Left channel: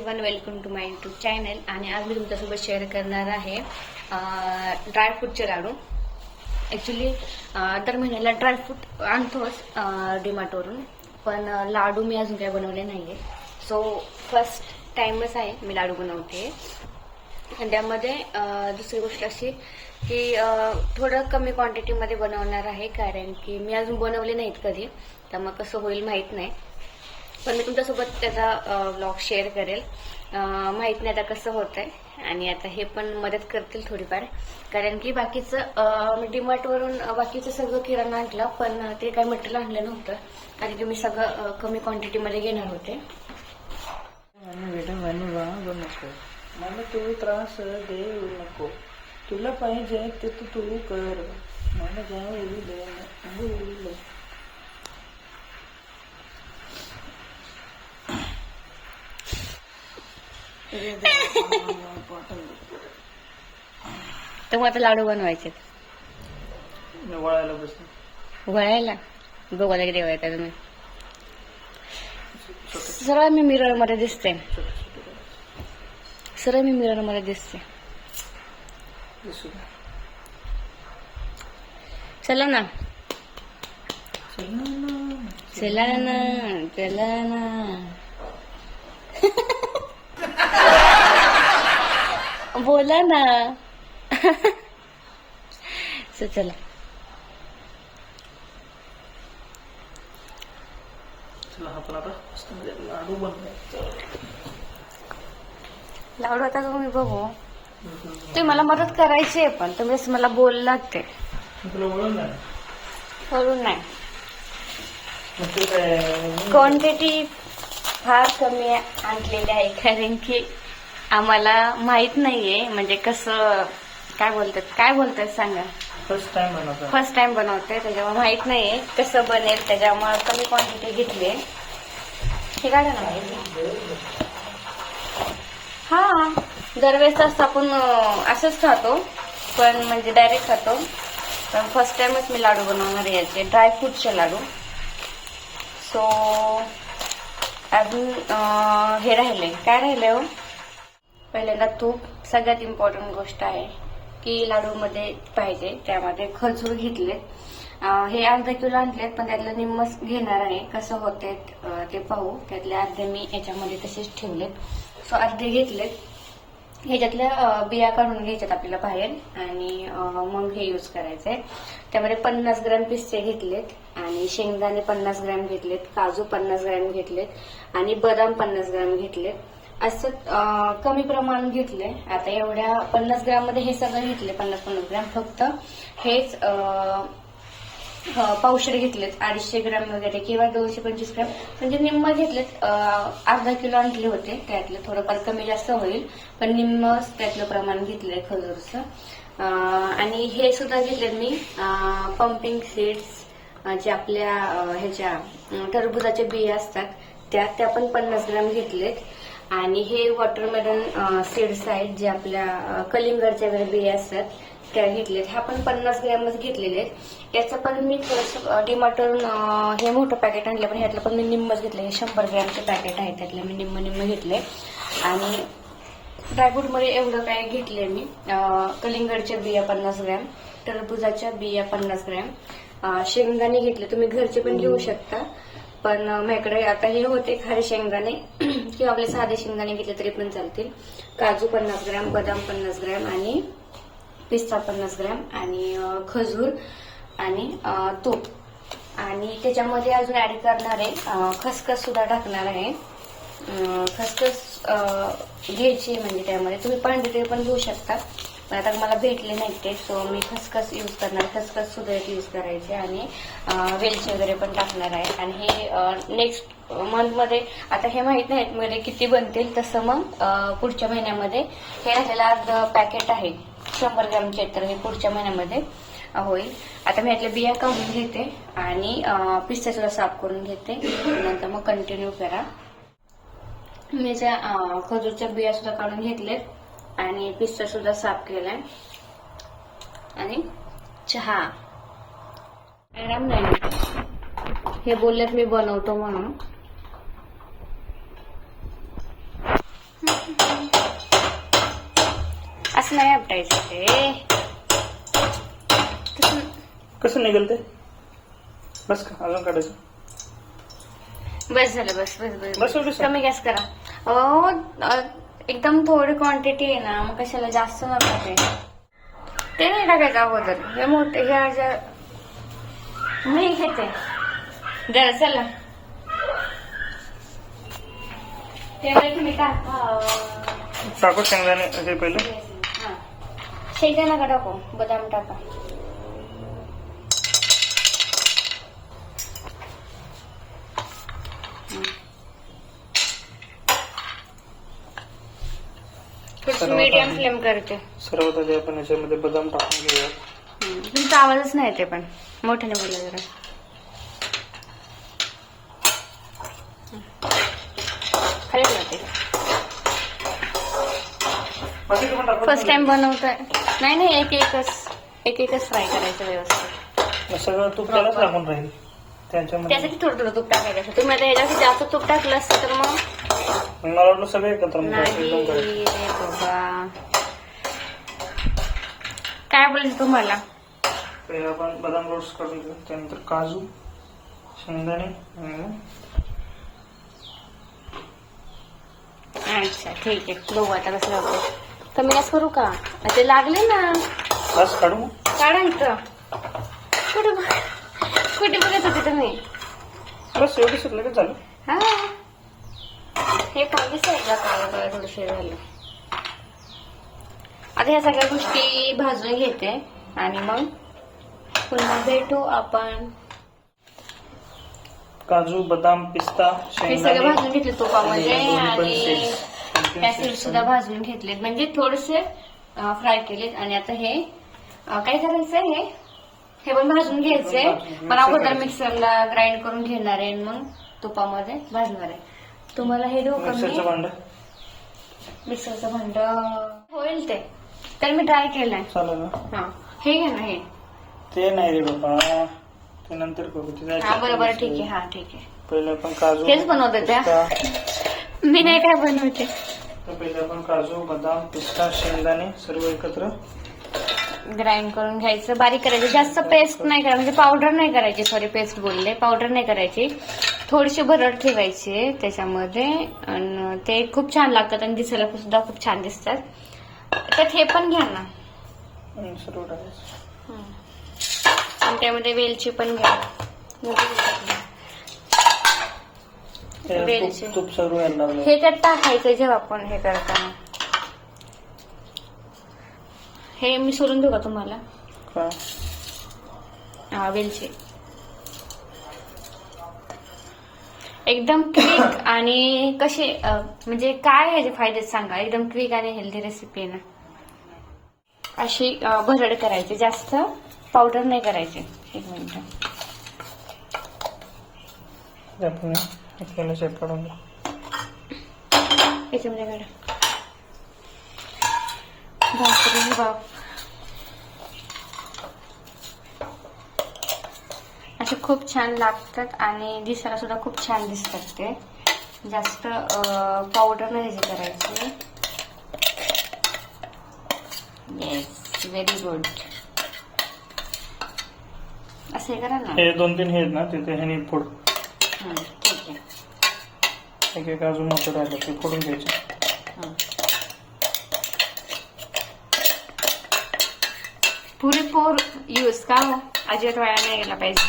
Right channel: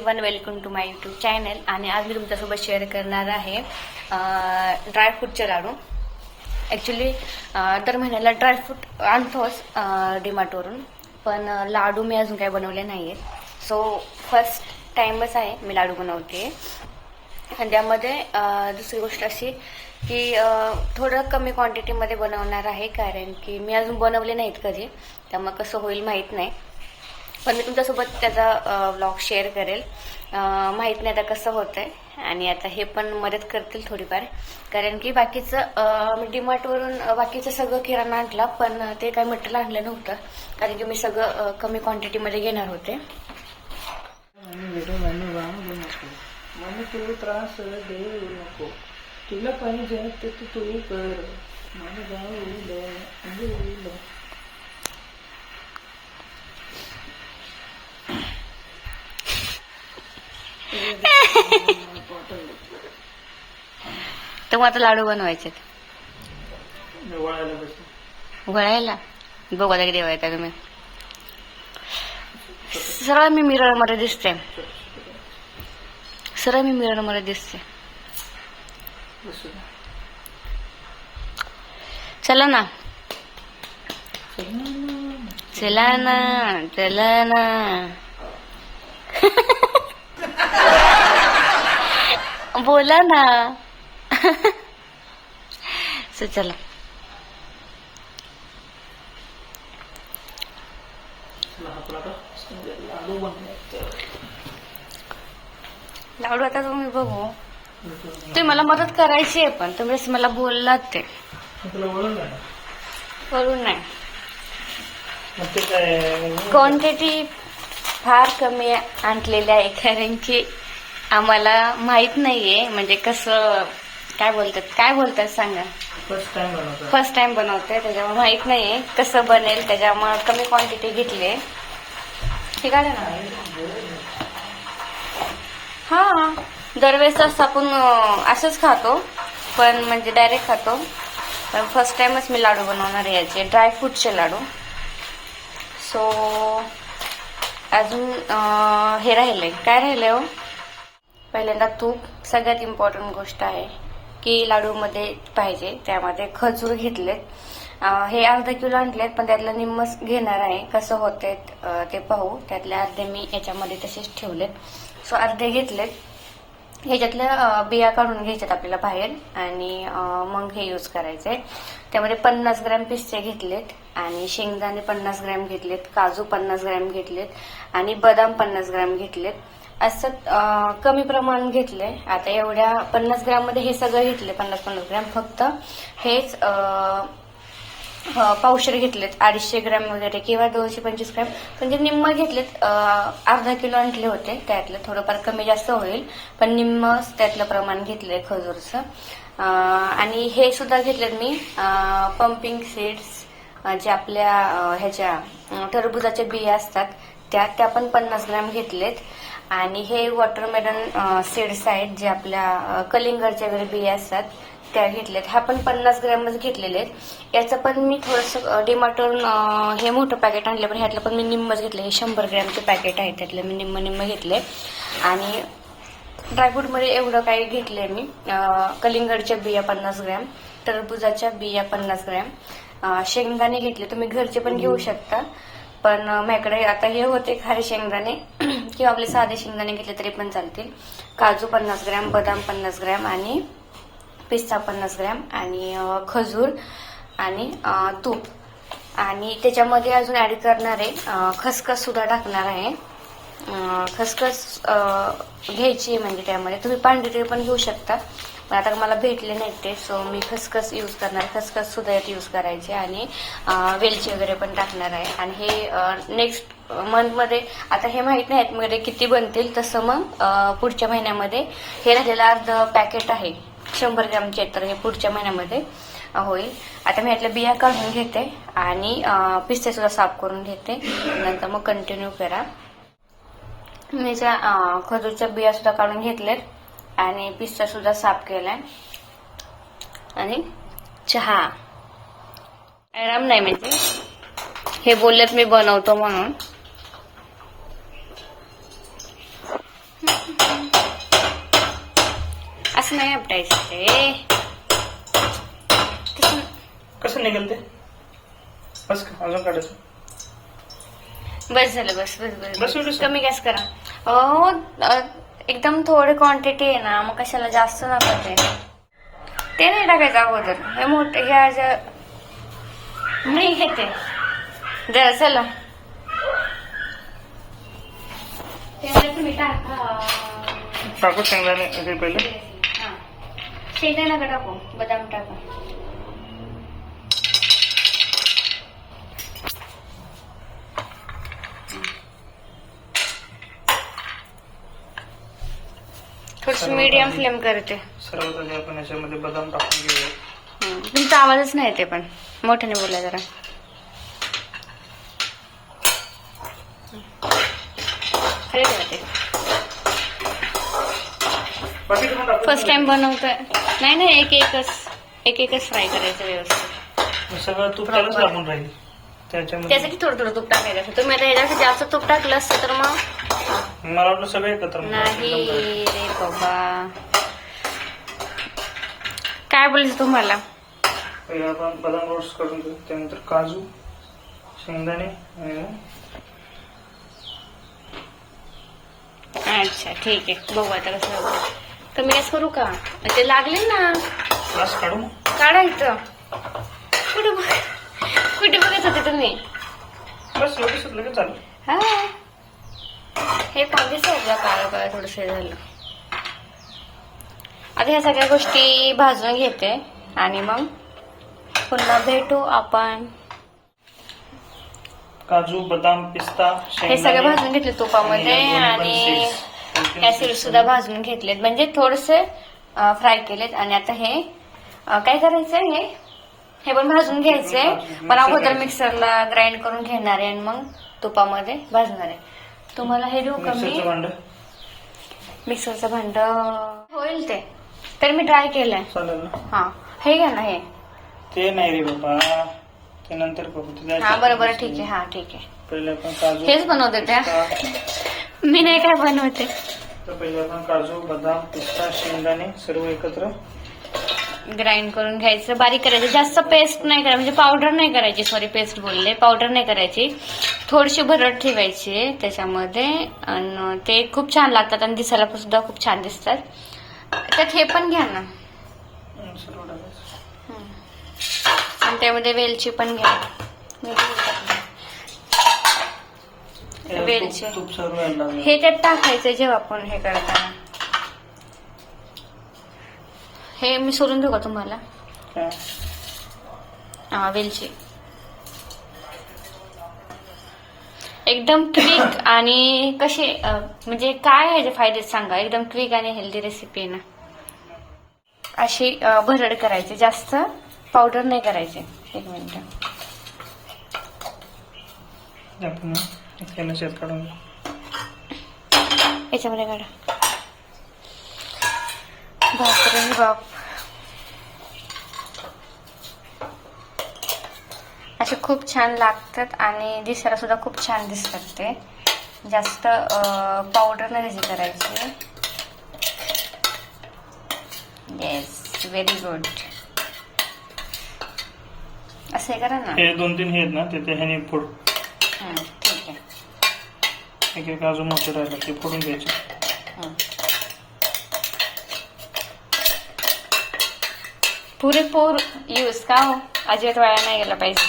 Everyone, welcome to my YouTube channel. आणि आज मी तुमच्यासोबत शेअर करणार आहे ड्रायफ्रूटचे लाडू. ॲक्च्युली दर महिन्याला ड्रायफ्रूट आणतोच डीमार्टवरून, पण लाडू मी अजून काही बनवले नाही आहेत. सो फर्स्ट टाईमच आहे मी लाडू बनवते. आणि त्यामध्ये दुसरी गोष्ट अशी की थोडं कमी क्वांटिटीमध्ये बनवणार आहे, कारण की मी अजून बनवले नाहीत कधी, त्यामुळे कसं होईल माहीत नाही. पण मी तुमच्यासोबत त्याचा व्लॉग शेअर करेल. माहीत नाही आता कसं होतंय, आणि आता हे पण मदत करतील थोडीफार, कारण की बाकीचं मी डीमार्टवरून बाकीचं सगळं किराणा आणला, पण ते काही मटेरियल आणलं नव्हतं, कारण की मी सगळं कमी क्वांटिटीमध्ये घेणार होते. मला तू त्रास देऊ नको, तुला पाहिजे ते तू कर, मला जाऊ. तर मग आता लाडू बनवायचे वळायला बसले. वळायला बघू आता किती वळायचा तुम्ही. सरळ मी मिरर मध्ये दिसते, सरळ मी मिरर मध्ये दिसते. चला ना, चला ना, चला ना. बोला ना. सो चला. लाडू बनवायचं. लाडू आता तुम्ही बघू, ते मला मदत करायची आहे, पण तुम्ही मला बोललात ते बोलून नाही. क्वांटिटी फार कमी आणलेली आहे, कारण की आम्हाला माहित नाहीये, म्हणजे कसं काय बोलतात सांगा. फर्स्ट टाइम बनवतोय, त्याच्यामुळे माहित नाहीये कसं बनेल, त्याच्यामुळे कमी क्वांटिटी घेतली. हे काढा ना. हा, दरवेळेस आपण असंच खातो, पण म्हणजे डायरेक्ट खातो, पण फर्स्ट टाइमच मी लाडू बनवणार आहे याचे, ड्रायफ्रूटचे लाडू. सो अजून हे राहिलंय, काय राहिलंय हो. पहिल्यांदा तूप, सगळ्यात इम्पॉर्टंट गोष्ट आहे की लाडूमध्ये पाहिजे. त्यामध्ये खजूर घेतले, हे अर्धा किलो आणलेत, पण त्यातलं निम्मच घेणार आहे. कसं होते ते पाहू. त्यातले अर्धे मी याच्यामध्ये तसेच ठेवलेत. सो अर्धे घेतलेत. ह्याच्यातल्या बिया काढून घ्यायच्यात आपल्याला बाहेर, आणि मग हे यूज करायचंय. त्यामध्ये 50 ग्रॅम पिस्ते घेतलेत, आणि शेंगदाणे 50 ग्रॅम घेतलेत, काजू 50 ग्रॅम घेतलेत, आणि बदाम 50 ग्रॅम घेतलेत. असं कमी प्रमाण घेतले. आता एवढ्या 50 ग्रॅम मध्ये हे सगळं घेतले, 50-50 ग्रॅम. फक्त हेच पावशेर घेतलेत, 250 ग्रॅम वगैरे, किंवा 225 ग्रॅम, म्हणजे निम्म घेतलेत. अर्धा किलो आणले होते, त्यातलं थोडंफार कमी जास्त होईल, पण निम्म त्यातलं प्रमाण घेतलंय खजूरचं. आणि हे सुद्धा घेतलेत मी पंपिंग सीड्स, जे आपल्या ह्याच्या टरबुजाच्या बिया असतात त्या पण 50 ग्रॅम घेतलेत. आणि हे वॉटरमेलन सीड्स आहेत, जे आपल्या कलिंगडच्या वगैरे बिया असतात त्या घेतलेत. ह्या पण 50 ग्रॅमच घेतलेले आहेत. याचं पण मी थोडंसं डीमार्टवरून हे मोठं पॅकेट आणलं, पण ह्यातलं पण मी निम्मच घेतलं. हे 100 ग्रॅमचे पॅकेट आहे, त्यातलं मी निम्म घेतले. आणि ड्रायफ्रूटमध्ये एवढं काही घेतलंय मी. कलिंगडच्या बिया 50 ग्रॅम, टरबुजाच्या बिया 50 ग्रॅम, शेंगदाणे घेतले. तुम्ही घरचे पण घेऊ शकता, पण माझ्याकडे आता हे होते खारे शेंगदाणे, किंवा आपले साधे शेंगदाणे घेतले तरी पण चालतील. काजू 50 ग्रॅम, बदाम 50 ग्रॅम, आणि पिस्ता 50 ग्रॅम, आणि खजूर, आणि तूप. आणि त्याच्यामध्ये अजून ऍड करणार आहे खसखस सुद्धा टाकणार आहे. खसखस घ्यायची, म्हणजे त्यामध्ये तुम्ही पांढरी पण घेऊ शकता, पण आता मला भेटले नाही ते, सो मी खसखस यूज करणार. खसखस सुद्धा यात यूज करायचे, आणि वेलची वगैरे पण टाकणार आहे. आणि हे नेक्स्ट मंथमध्ये, आता हे माहित नाहीत मध्ये किती बनतील, तसं मग पुढच्या महिन्यामध्ये हे राहिलेलं अर्ध पॅकेट आहे 100 ग्रॅमचे, तर हे पुढच्या महिन्यामध्ये होईल. आता मी यातल्या बिया काढून घेते, आणि पिस्ते सुद्धा साफ करून घेते, नंतर मग कंटिन्यू करा. मी त्या खजूरच्या बिया सुद्धा काढून घेतलेत, आणि पिस्ता सुद्धा साफ केलाय. आणि चहा आराम नाही, म्हणजे हे बोललेत मी बनवतो म्हणून. असं नाही आपटायचं ते. तसं कसं निघेल ते? बस का अजून काढायचं? बस झालं, बस बस बस, बस, बस. बस. कमी गॅस करा. एकदम थोडी क्वांटिटी आहे ना, मग कशाला जास्त नका ते नाही टाकायचं अगोदर. हे मोठे हे मी घेते जरा, चला तुम्ही टाका. टाकू शेंगदाणे हे पहिले. हा, शेंगदाणे नका टाकू, बदाम टाका. थोडस मीडियम फ्लेम करते. सर्वात आधी आपण याच्यामध्ये बदाम टाकून घेऊया. तुमचा आवाजच नाही येते, पण मोठ्याने बोला जरा. खाली ठेवते. फर्स्ट टाइम बनवतोय. नाही एक एकच फ्राय करायचं व्यवस्थित. सगळं तूप त्यालाच लागून राहील त्याच्यामध्ये. त्यासाठी थोडं थोडं तूप टाकायचं. तुम्ही आता ह्याच्यापेक्षा जास्त तूप टाकलं असतं तर मग मला वाटलं सगळं एकत्र नाही रे बाबा. काय बोलायचं तुम्हाला? पहिले आपण बदाम रोस्ट करून घेऊ, त्यानंतर काजू, शेंगदाणे. अच्छा ठीक आहे, बघू आता कसं होतं. कमी गॅस करू का? ते लागले ना. बस काढू मग. काढा इथं. कुठे बघत होते तुम्ही? बस एवढं सुटलं की झालं. हा, हे पाहिजे सगळं काळं काळं थोडस झालं. आता ह्या सगळ्या गोष्टी भाजून घेते आणि मग पुन्हा भेटू आपण. काजू, बदाम, पिस्ता, हे सगळं भाजून घेतले तुपामध्ये आणि त्या सीड्स सुद्धा भाजून घेतलेत, म्हणजे थोडेसे फ्राय केलेत. आणि आता हे काय करायचंय, हे पण भाजून घ्यायचंय, पण अगोदर मिक्सरला ग्राइंड करून घेणार आहे आणि मग तुपामध्ये भाजणार आहे. तुम्हाला हे देऊ का मी? मिक्सरचं भांड होईल ते तर मी ट्राय केलंय. चालेल ना. हा, हे घ्या ना. हे ते नाही रे बाबा, ते नंतर करू. हा बरोबर, ठीक आहे. हा ठीक आहे, पहिले आपण काजू, हेच बनवते त्या. मी नाही काय बनवते. तर पहिले आपण काजू, बदाम, पिस्ता, शेंगदाणे सर्व एकत्र ग्राइंड करून घ्यायचं, बारीक करायचं. जास्त पेस्ट नाही करायची, म्हणजे पावडर नाही करायची. सॉरी, पेस्ट बोलले, पावडर नाही करायची. थोडीशी भरड ठेवायची त्याच्यामध्ये आणि ते खूप छान लागतात आणि दिसायला सुद्धा खूप छान दिसतात. त्यात हे पण घ्या ना सर्व टाकायचं. आणि त्यामध्ये वेलची पण घ्या. वेलची तूप सर्व यायला लागलं. हे त्यात टाकायचं जेव्हा आपण हे करताना. हे मी सोडून देऊ का तुम्हाला? वेलची एकदम क्विक आणि कशी म्हणजे काय ह्याचे फायदे सांगा. एकदम क्विक आणि हेल्दी रेसिपी आहे ना. अशी भरड करायची, जास्त पावडर नाही करायची. एक मिनिट, आपण तेलाच्यात काढून याच्यामध्ये काढा. बापरे बाप, असे खूप छान लागतात आणि दिसायला सुद्धा खूप छान दिसतात. ते जास्त पावडर नाही त्याची करायची. Yes, very good. असं करा ना. हे 2-3 हे आहेत ना, ते ह्याने फोड. ठीक आहे. एक अजून मोठे राहिले ते फोडून घ्यायचे. पुरेपूर यूज का हो, अजिबात वाया नाही गेला पाहिजे.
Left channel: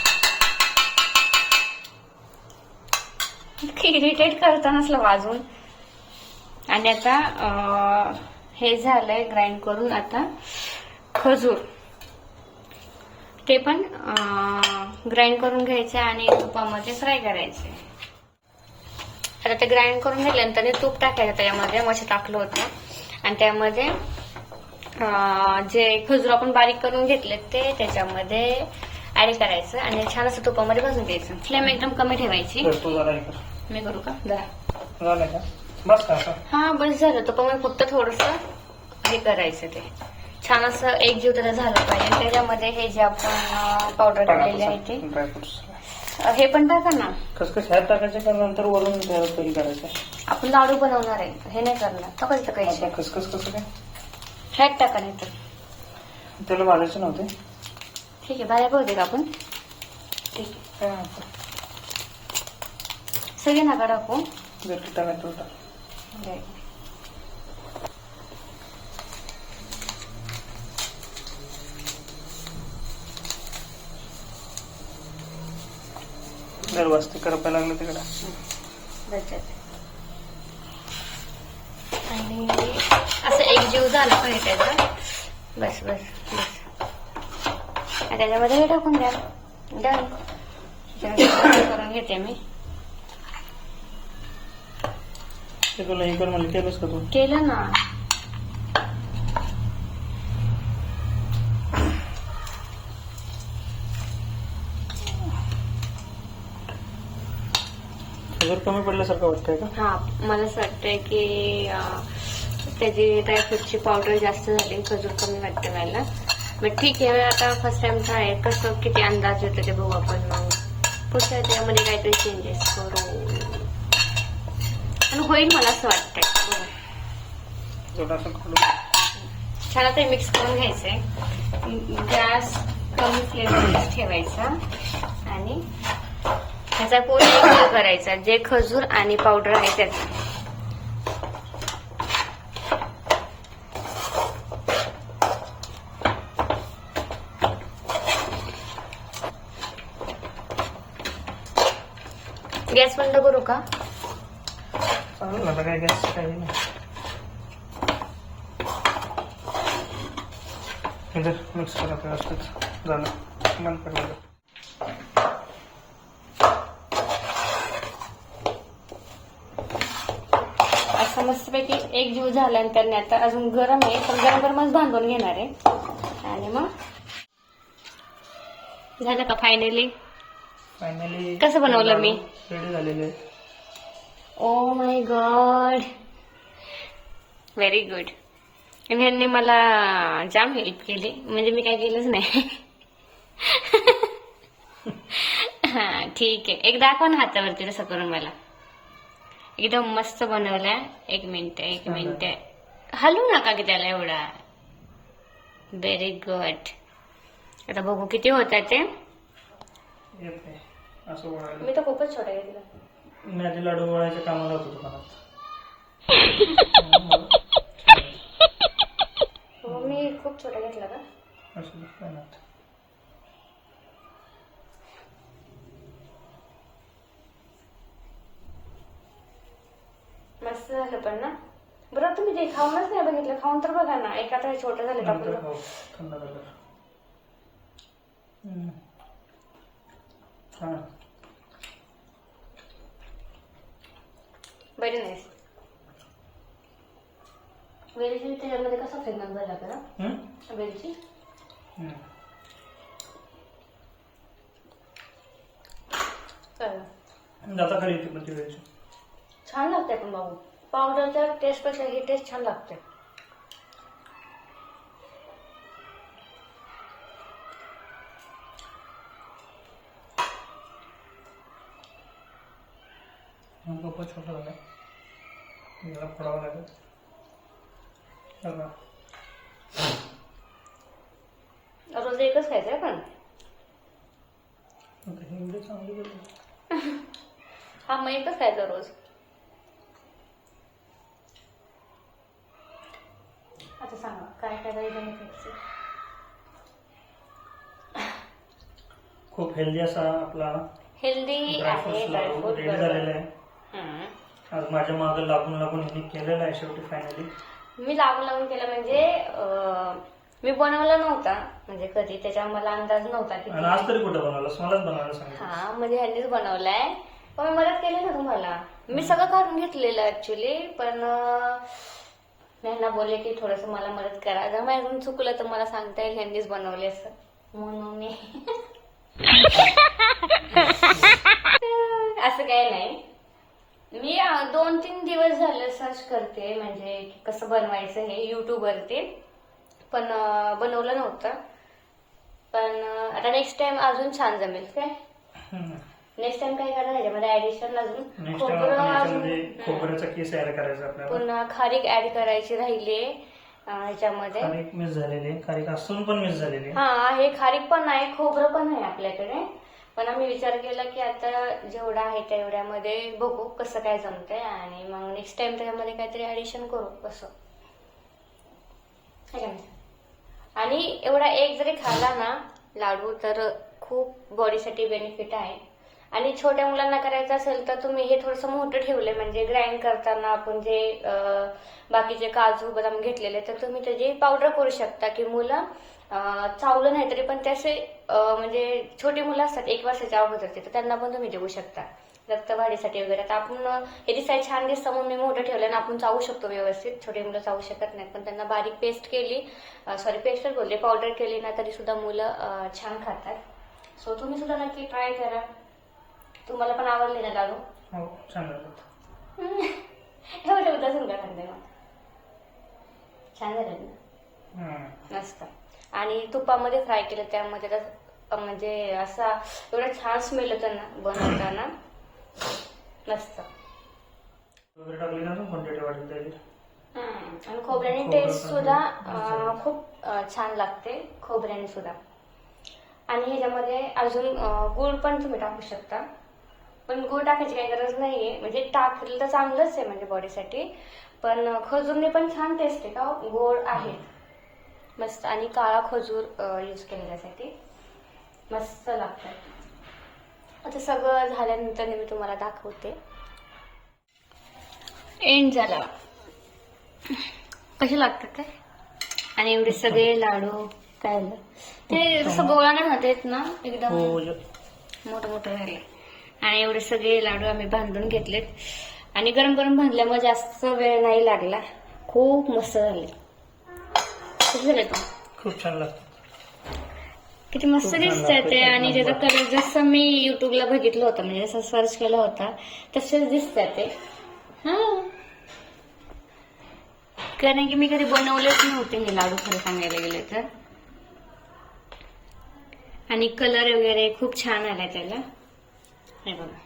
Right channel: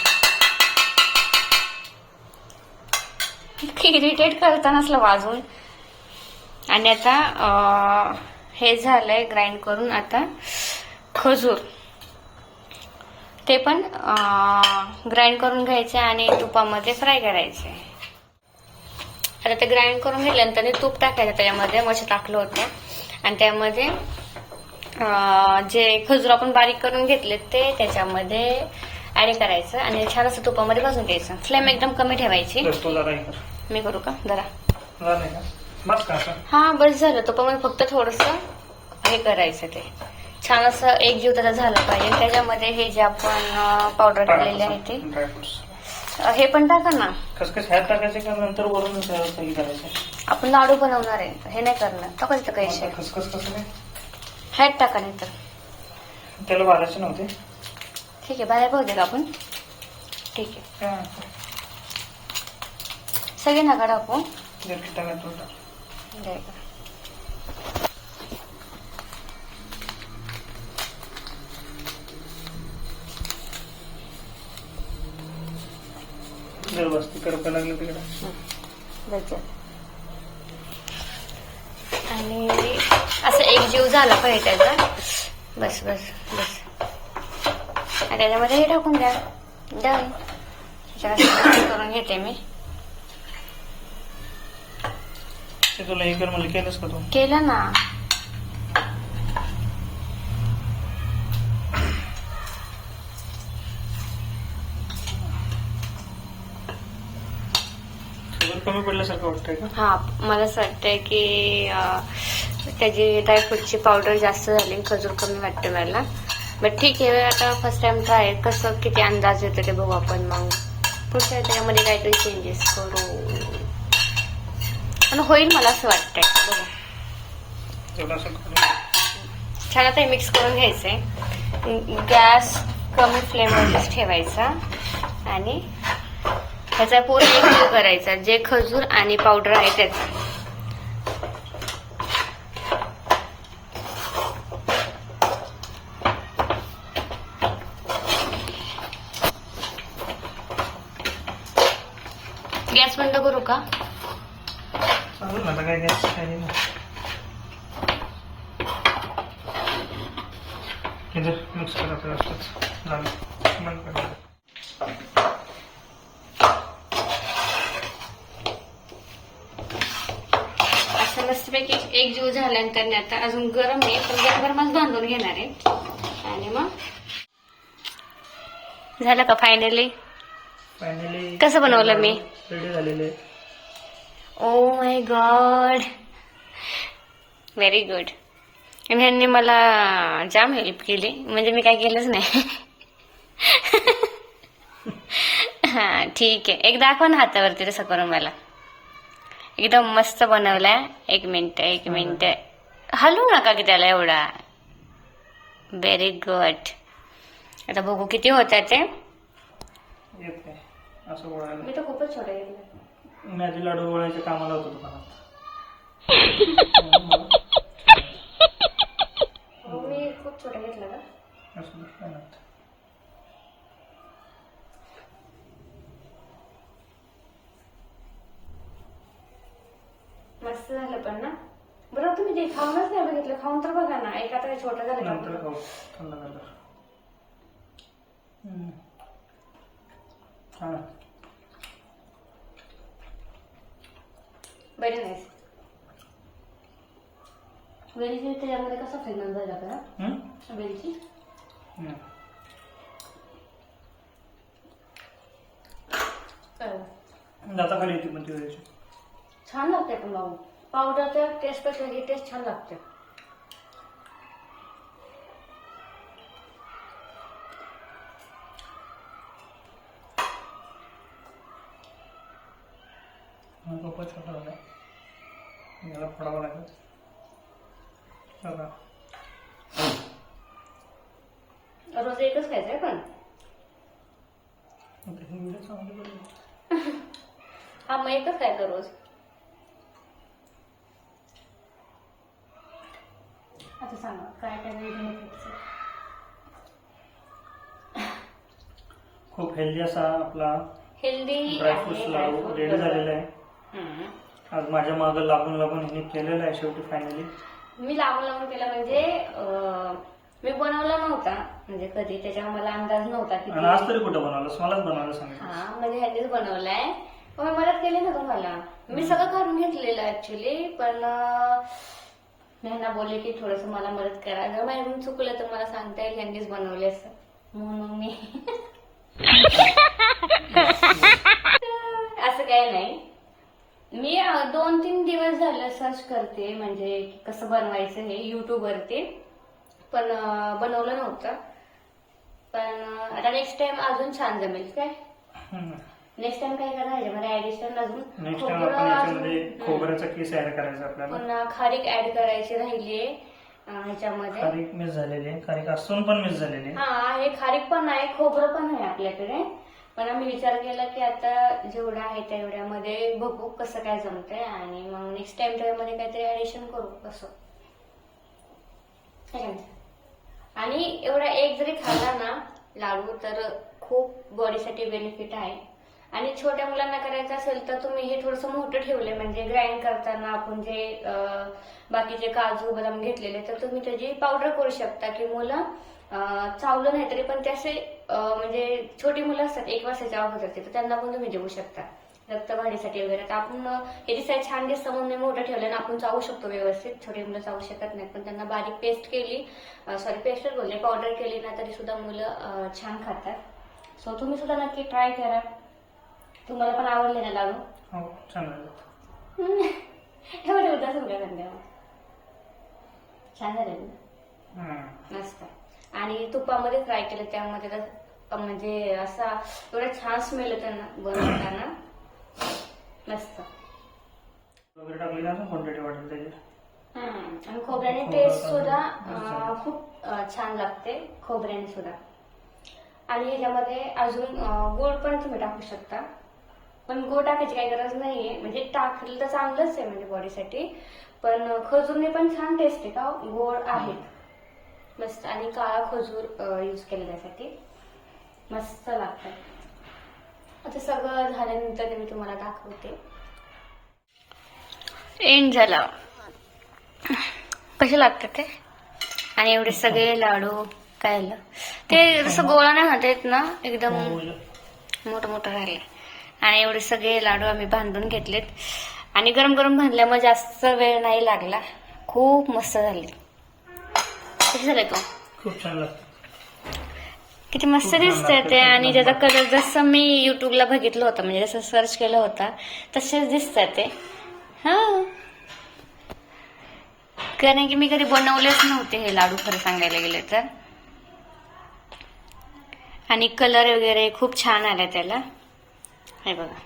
इरिटेट करता नसलं वाजून. आणि आता हे झालंय ग्राइंड करून. आता खजूर ते पण ग्राइंड करून घ्यायचे आणि तुपामध्ये फ्राय करायचे. आता ते ग्राइंड करून घेतल्यानंतर तूप टाकायचं त्याच्यामध्ये. मग टाकलं होतं आणि त्यामध्ये जे खजूर आपण बारीक करून घेतले ते त्याच्यामध्ये ऍड करायचं आणि छान असं तुपामध्ये भाजून घ्यायचं. फ्लेम एकदम कमी ठेवायची. मी करू का जरा? हा बस झालं. तुपामध्ये फक्त थोडस हे करायचं. ते छान असं एकजीव त्याचा झाला पाहिजे. त्याच्यामध्ये हे जे आपण पावडर केलेले आहे ते हे पण टाका ना. खसखस ह्यात टाकायचे का नंतर वरून तेल करायचं? आपण लाडू बनवणार आहे, हे नाही करणार. टाकायचं काही खसखस कसं काय? ह्यात टाका नाही तर. त्याला भाजायचे नव्हते. ठीक आहे, भाज्या पाहू दे का आपण. ठीक आहे, काय म्हणतो? सगळी नका टाकू. जर टाकायचं टाक. जर वस्ती करायला लागलं तिकडे. आणि असं एक जीव झाला पाहिजे त्याचा. बस बस बस. आणि त्याच्यामध्ये हे टाकून द्या. डन. करून घेते मी. ते तुला हे कर मला केलंस का तू? केलं ना. कमी पडल्यासारखं वाटतंय का? हा, मला असं वाटतंय की त्याची ड्रायफ्रूटची पावडर जास्त झाली, खजूर कमी वाटते मला. बट ठीक आहे, आता फर्स्ट टाइम ट्राय. कसं किती अंदाज येतो ते बघू आपण. मग पुढच्या त्याच्यामध्ये काहीतरी चेंजेस करू आणि होईल मला असं वाटतंय. बघू. छान आता मिक्स करून घ्यायचंय. गॅस कमी फ्लेमवरच ठेवायचा आणि त्याचा पूर्ण एक जीव करायचा, जे खजूर आणि पावडर आहे त्याचा. गॅस बंद करू का? काय गॅस काही मिक्स करा व्यवस्थित. झालं मन पडलं. असं मस्तपैकी एक जीव झाल्यानंतर आता अजून गरम आहे, तर गरमच बांधून घेणार आहे. आणि मग झालं का फायनली? कसं बनवलं मी? रेडी झालेली आहे. Oh my God, very good. आणि ह्यांनी मला जाम हेल्प केली, म्हणजे मी काय केलंच नाही. हा ठीक आहे, एक दाखवा ना हातावरती तसं करून मला. एकदम मस्त बनवलाय. एक मिनिट हलवू नका की त्याला एवढा. Very good. आता बघू किती होतात ते. येत नाही असं वळायला. मी तर खूपच छोटा घेतला. मी आधी लाडू वळायच्या कामाला होतो दुकानात. मी खूप छोटा घेतला का? असं काय नाही. मस्त झालं पण ना. बरं तुम्ही ते खाऊनच नाही बघितलं, खाऊन तर बघा ना. एक आता छोटं झालं का नंतर पूर्ण? खाऊ, थंड झालं. हा व्हेरी नाईस. वेलची त्याच्यामध्ये कसा फ्रेग्रन्स झाला का वेलची? जाता खाली येते पण ती वेळची. छान लागते पण बाबू. पावडरच्या टेस्ट पेक्षा ही टेस्ट छान लागते. खूपच छोटा झालाय, याला फोडावं लागेल. रोज एकच खायचंय पण. ही व्हिडिओ चांगली बनली. हा मग एकच खायचं रोज. आता सांगा काय काय बेनिफिट्स? खूप हेल्दी असा आपला हेल्दी ड्रायफ्रुट्स लाडू रेडी झालेला आहे. आज माझ्या मागं लागून ह्याने केलेलं आहे शेवटी फायनली. मी लागून केलं म्हणजे मी बनवला नव्हता म्हणजे कधी, त्याच्यामुळे मला अंदाज नव्हता की. आणि आज तरी कुठं बनवलंस? मलाच बनवायला सांगितलं. हा म्हणजे ह्यांनीच बनवलाय, पण मी मदत केली ना तुम्हाला. मी सगळं काढून घेतलेलं ऍक्च्युली, पण ह्यांना बोलले की थोडस मला मदत करा. जर माझ्याकडून चुकलं तर मला सांगता येईल ह्यांनीच बनवले असं म्हणून मी. असं काही नाही. मी 2-3 दिवस झाले सर्च करते म्हणजे कसं बनवायचं हे युट्यूबवरती, पण बनवलं नव्हतं. पण आता नेक्स्ट टाइम अजून छान जमेल काय. नेक्स्ट टाइम काय करा ह्याच्यामध्ये ऍडिशन अजून नेक्स्ट टाइम खोबरं आपण याच्यामध्ये अजून- खोबऱ्याचा किस ऍड करायचा आपल्याला. पुन्हा खारीक ऍड करायची राहिली ह्याच्यामध्ये. खारीक मिस झालेली आहे, खारीक असून पण मिस झालेली आहे. हा, हे खारीक पण आहे, खोबरं पण आहे आपल्याकडे. पण आम्ही विचार केला की आता जेवढं आहे तेवढ्यामध्ये बघू कसं काय जमतंय आणि मग नेक्स्ट टाइम त्याच्यामध्ये काहीतरी ऍडिशन करू कसं. है का नाही? आणि एवढा एक जरी खाल्ला ना लाडू तर खूप बॉडीसाठी बेनिफिट आहे. आणि छोट्या मुलांना करायचं असेल तर तुम्ही हे थोडंसं मोठं ठेवलंय, म्हणजे ग्राइंड करताना आपण जे बाकीचे काजू बदाम घेतलेले तर तुम्ही त्याची पावडर करू शकता की मुलं चावलं नाही तरी पण ते असे म्हणजे छोटी मुलं असतात 1 वर्षाच्या अगोदरचे, तर त्यांना पण तुम्ही देऊ शकता रक्तवाढीसाठी वगैरे. तर आपण याची साईज छान दिसतं म्हणून मी मोठं ठेवलं आणि आपण चावू शकतो व्यवस्थित. छोटे मुलं चावू शकत नाहीत, पण त्यांना बारीक पेस्ट केली, पेस्टच बोलले, पावडर केली ना तरी सुद्धा मुलं छान खातात. सो तुम्ही सुद्धा नक्की ट्राय करा. तुम्हाला पण आवडले ना लाडू? हो, चांगलं. एवढं उदास उलटा म्हणताय मग. छान झालं ना? मस्त. आणि तुपामध्ये फ्राय केलं त्यामध्ये म्हणजे असा एवढा छान स्मेल येतो ना बनवताना, मस्त. वगैरे टाकली ना क्वांटिटी वाढेल त्याची. आणि खोबऱ्याने टेस्ट सुद्धा खूप छान लागते खोबऱ्याने सुद्धा. आणि ह्याच्यामध्ये अजून गुळ पण तुम्ही टाकू शकता, पण गुळ टाकायची काही गरज नाहीये, म्हणजे टाकलं तर चांगलंच आहे म्हणजे बॉडीसाठी. पण खजूरने पण छान टेस्ट आहे का, गोड आहेत मस्त. आणि काळा खजूर यूज केला त्यासाठी मस्त लागतं. आता सगळं झाल्यानंतर मी तुम्हाला दाखवते. एंड झाला. कसे लागतात ते? आणि एवढे सगळे लाडू काय झालं ते जसं गोळा नाही होत आहेत ना, एकदम मोठं मोठं राहिले. आणि एवढे सगळे लाडू आम्ही बांधून घेतलेत आणि गरम गरम बांधल्यामुळे जास्त वेळ नाही लागला. खूप मस्त झाले. कसे झाले तो? खूप छान लागतं. किती मस्त दिसतंय ते. आणि त्याचा कलर जसं मी युट्यूबला बघितलं होतं, म्हणजे जसं सर्च केलं होता तसेच दिसतंय ते. हा, कारण की मी कधी बनवलेच नव्हते हे लाडू खरं सांगायला गेले तर. आणि कलर वगैरे खूप छान आलाय त्याला. हे बघा,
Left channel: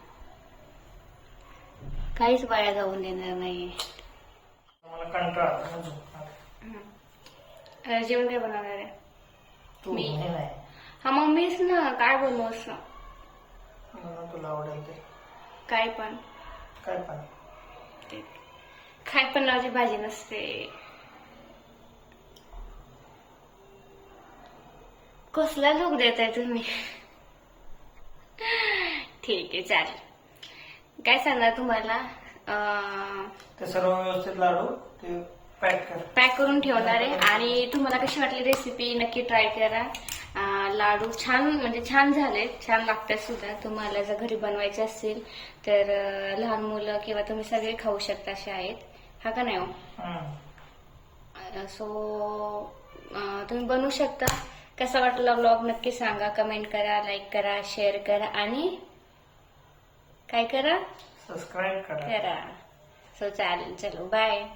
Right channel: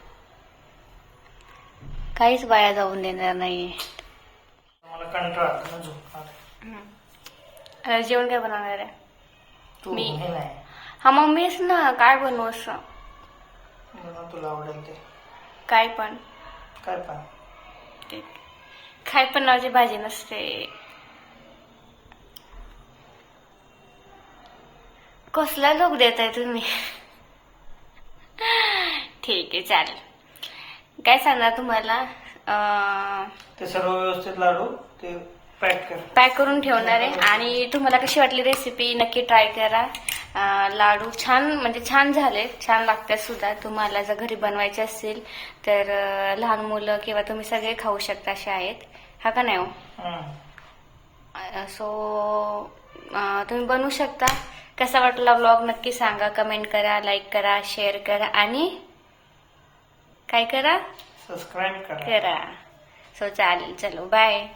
काहीच वाया जाऊन देणार नाहीये. मला कंटाळा आला ना झोप. आता जेवण काय बनवणार आहे? मी नाही हा मम्मीच ना, काय बनवू असं? तुला आवडेल ते काय पण. काय पण ते काय पण नावाची भाजी नसते. कसला लोक देताय तुम्ही? ठीक आहे, चालेल. काय सांगणार तुम्हाला? ते सर्व व्यवस्थित लाडू ते पॅक करून ठेवणार आहे. आणि तुम्हाला कशी वाटली रेसिपी नक्की ट्राय करा. लाडू छान म्हणजे छान झाले, छान लागतात सुद्धा. तुम्हाला जर घरी बनवायचे असतील तर लहान मुलं किंवा तुम्ही सगळे खाऊ शकता असे आहेत, हा का नाही हो? सो तुम्ही बनवू शकता. कसा वाटला व्लॉग नक्की सांगा, कमेंट करा, लाईक करा, शेअर करा आणि काय करा, सबस्क्राईब करा. सो चालेल, चलो बाय.